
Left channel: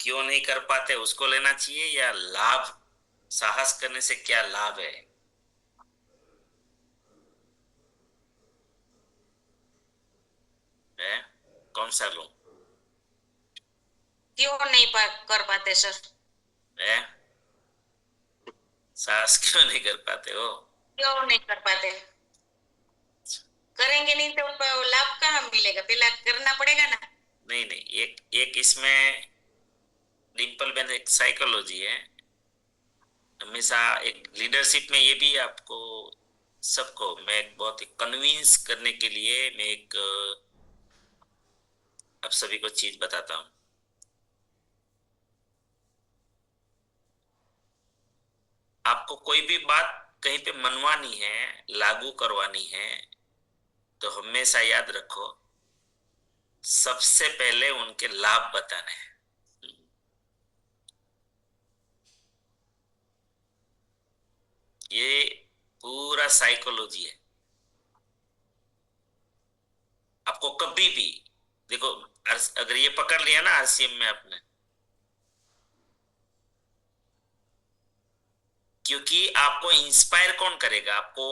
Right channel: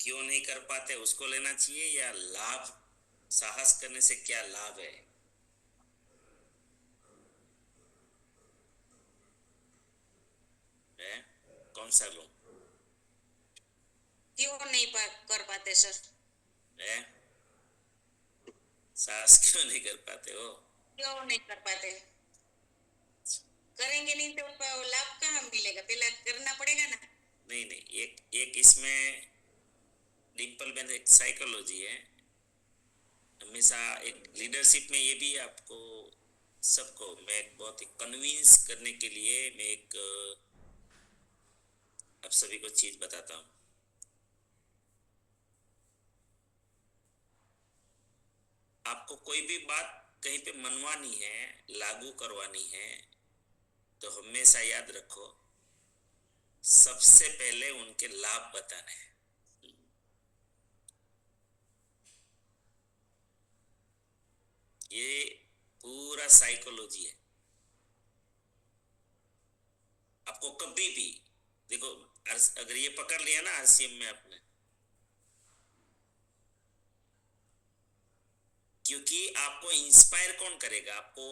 क्यों नहीं कर पाते उसको लेना चाहिए, या लाभ, साहस करने से क्या लाभ है? कौन सा लूं? क्यों नहीं कर पाते सर? साहस क्यों नहीं कर पाते हो? क्यों नहीं कर पाते? करेंगे नहीं तो लाभ कहाँ मिलेगा, पहला करना पड़ेगा ना। नहीं नहीं, एक इसमें डिम्पल बेन एक साइकोलॉजी है, हमेशा एक लीडरशिप में ये भी आपको सबको मैं एक बहुत ही कन्विंस करने के लिए मैं एक आप सभी को चीज बताता हूँ। आपको कोई भी बात कहीं पे मनवानी है, लागू करवानी है, तो हमेशा याद रखो सबसे पहले उनके लाभ बताने हैं। ये पूरा साइकोलॉजी है। आपको कभी भी देखो, अगर ये पकड़ लिया ना आरसीएम में आपने, क्योंकि आपको इंस्पायर कौन करेगा, आपको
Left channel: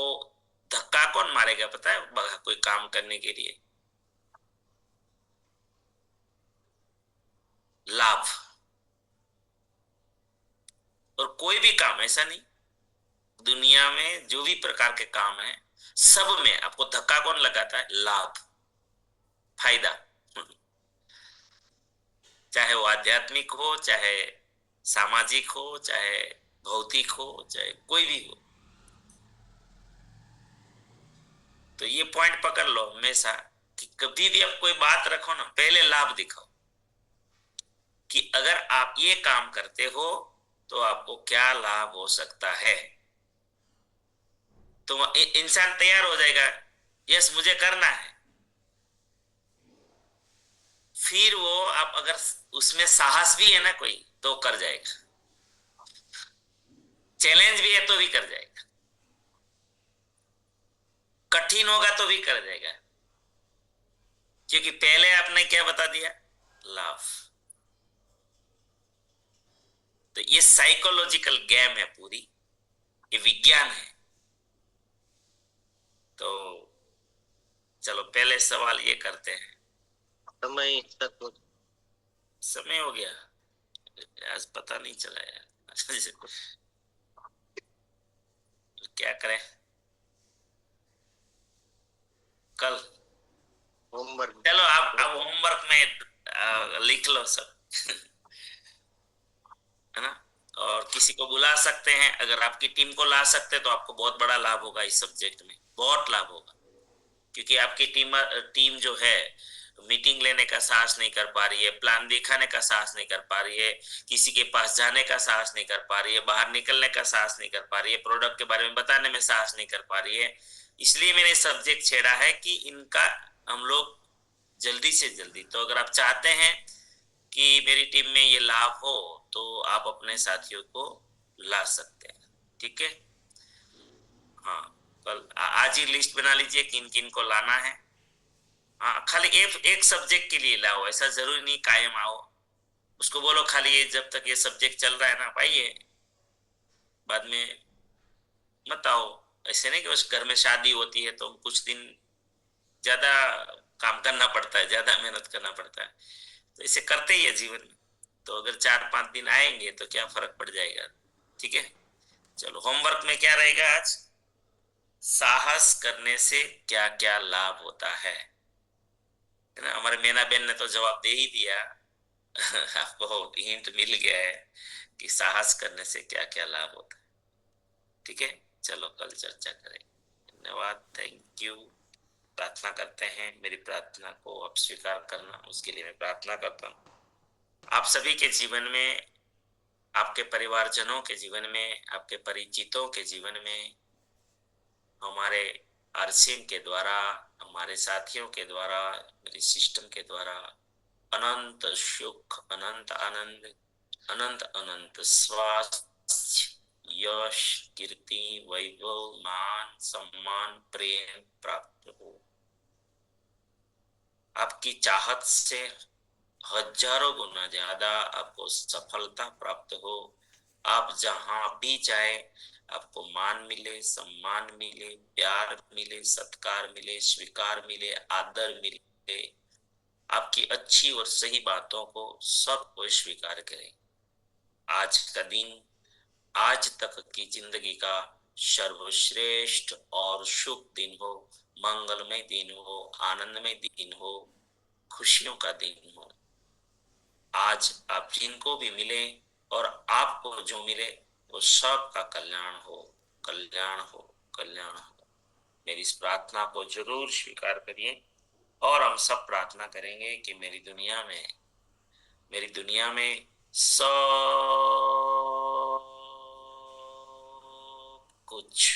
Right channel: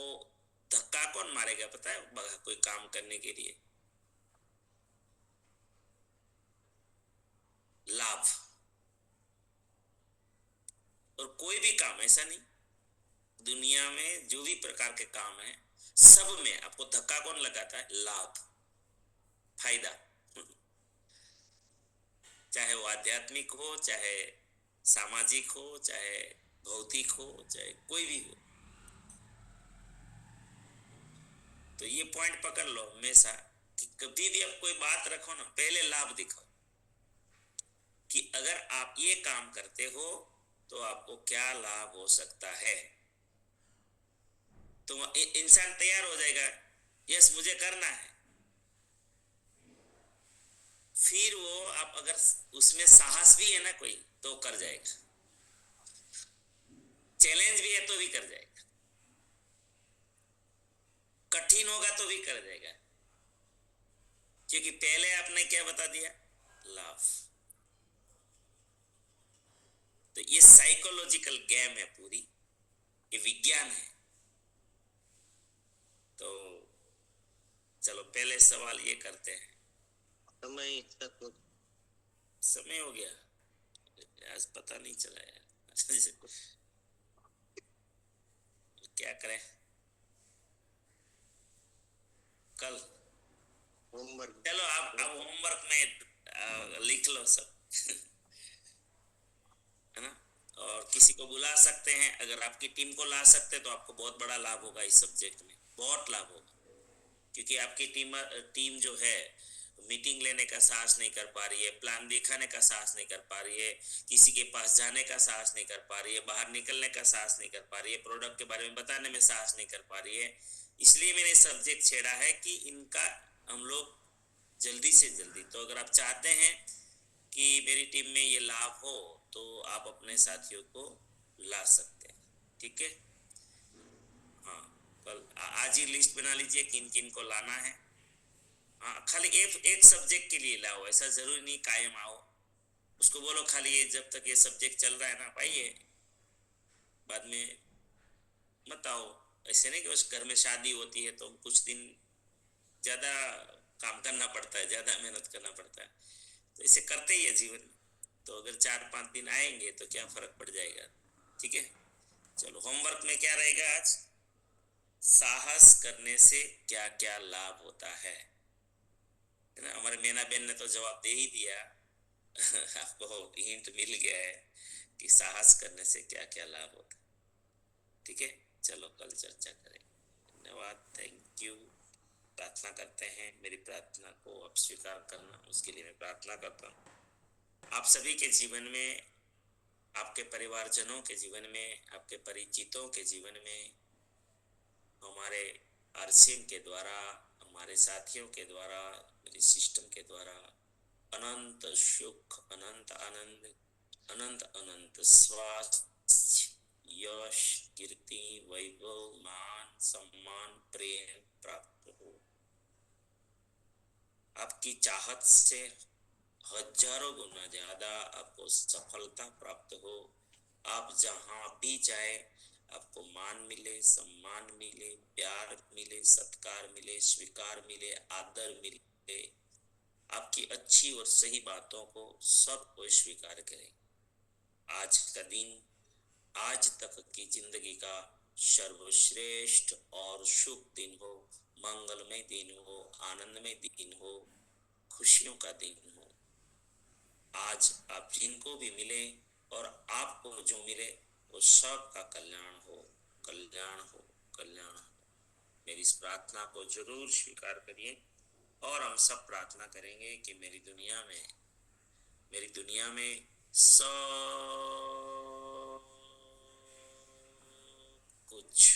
धक्का कौन मारेगा पता है, कोई काम करने के लिए लाभ। और कोई भी काम ऐसा नहीं, दुनिया में जो भी प्रकार के काम है सब में आपको धक्का कौन लगाता है, लाभ, फायदा। चाहे वो आध्यात्मिक हो, चाहे सामाजिक हो, चाहे भौतिक हो, चाहे कोई भी हो। तो ये पॉइंट पकड़ लो हमेशा कि कभी भी आप कोई बात रखो ना, पहले लाभ दिखाओ कि अगर आप ये काम करते हो तो आपको क्या लाभ हो सकता है। तो इंसान तैयार हो जाएगा, यस मुझे करना है। फिर वो आप अगर उसमें साहस भी है ना कोई, तो कर जाएगा, चैलेंज भी है तो भी कर जाएगा, कठिन होगा तो भी कर जाएगा, क्योंकि पहले आपने क्या बता दिया, लाभ। तो ये साइकोलॉजिकल गेम है पूरी, ये विज्ञान है। तो चलो पहले सवाल ये करते हैं। समय हो गया आज, पता नहीं चला यार। क्या करें, कल होमवर्क, चलो आप होमवर्क में लिख लो सब। है ना, और किसी को बुला सकते हैं, अगर आपकी टीम को ला सकते हैं तो आपको बहुत बड़ा लाभ होगा इस सब्जेक्ट में, बहुत लाभ होगा। क्योंकि आपकी टीम जो है मीटिंग लेने का साहस नहीं कर पा रही है, प्लान दिखाने का साहस नहीं कर पा रही है, किसी के पास जाने का साहस नहीं कर पा रही है, बाहर निकलने का साहस नहीं कर पा रही है, प्रोडक्ट के बारे में बताने में साहस नहीं कर पा रही है। इसलिए मैंने सब्जेक्ट छेड़ा है कि इनका हम लोग जल्दी से जल्दी, तो अगर आप चाहते हैं कि मेरी टीम में ये लाभ हो तो आप अपने साथियों को ला सकते हैं, ठीक है। हाँ, कल आज ही लिस्ट बना लीजिए किन किन को लाना है। हाँ, खाली एक सब्जेक्ट के लिए लाओ, ऐसा जरूरी नहीं कायम आओ। उसको बोलो खाली ये जब तक ये सब्जेक्ट चल रहा है ना पाइए, बाद में मत आओ। ऐसे नहीं कि उस घर में शादी होती है तो कुछ दिन ज्यादा काम करना पड़ता है, ज्यादा मेहनत करना पड़ता है, तो इसे करते ही है जीवन में। तो अगर 4-5 दिन आएंगे तो क्या फर्क पड़ जाएगा, ठीक है। चलो होमवर्क में क्या रहेगा आज, साहस करने से क्या क्या लाभ होता है ना। हमारे मीना बेन ने तो जवाब दे ही दिया। आपको हिंट मिल गया है कि साहस करने से क्या क्या लाभ होता है, ठीक है। चलो कल चर्चा करें। धन्यवाद, थैंक यू। प्रार्थना करते हैं, मेरी प्रार्थना को आप स्वीकार करना, उसके लिए मैं प्रार्थना करता हूँ। आप सभी के जीवन में, आपके परिवारजनों के जीवन में, आपके परिचितों के जीवन में, हमारे आरसीएम के द्वारा, हमारे साथियों के द्वारा, मेरी सिस्टम के द्वारा अनंत सुख, अनंत आनंद, अनंत अनंत स्वास्थ्य, यश, कीर्ति, वैभव, मान, सम्मान, प्रेम प्राप्त हो। आपकी चाहत से हजारों गुना ज्यादा आपको सफलता प्राप्त हो। आप जहां भी जाए आपको मान मिले, सम्मान मिले, प्यार मिले, सत्कार मिले, स्वीकार मिले, आदर मिले। आपकी अच्छी और सही बातों को सब कोई स्वीकार करे। आज का दिन, आज तक की जिंदगी का सर्वश्रेष्ठ और शुभ दिन हो। मंगलमय दिन हो, आनंदमय दिन हो, खुशियों का दिन हो। आज आप जिनको भी मिले और आपको जो मिले वो सबका कल्याण हो, कल्याण हो, कल्याण हो। मेरी इस प्रार्थना को जरूर स्वीकार करिए और हम सब प्रार्थना करेंगे कि मेरी दुनिया में सब कुछ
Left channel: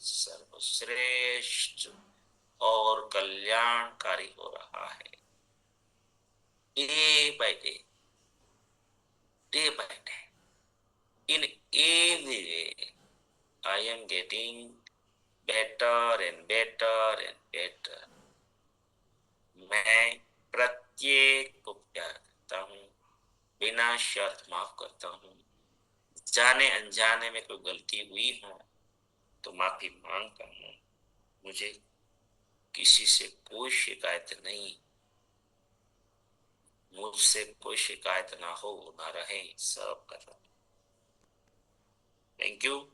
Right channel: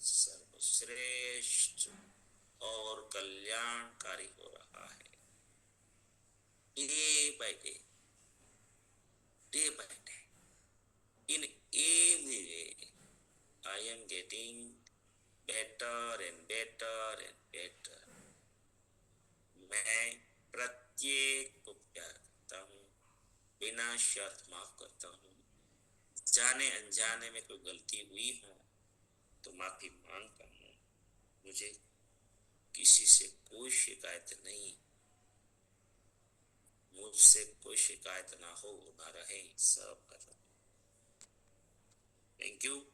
सर्वश्रेष्ठ और कल्याणकारी हो रहा है। Day by day, in every way, I am getting better and better and better. मैं प्रत्येक को प्यार करता हूँ, बिना शर्त माफ करता हूँ। जाने अनजाने में कोई गलती हुई हो तो माफी मांगता हूँ। मुझे किसी से कोई शिकायत नहीं, मुझसे कोई शिकायत ना हो, ना रहे, सब कर रहा हूँ। Thank you.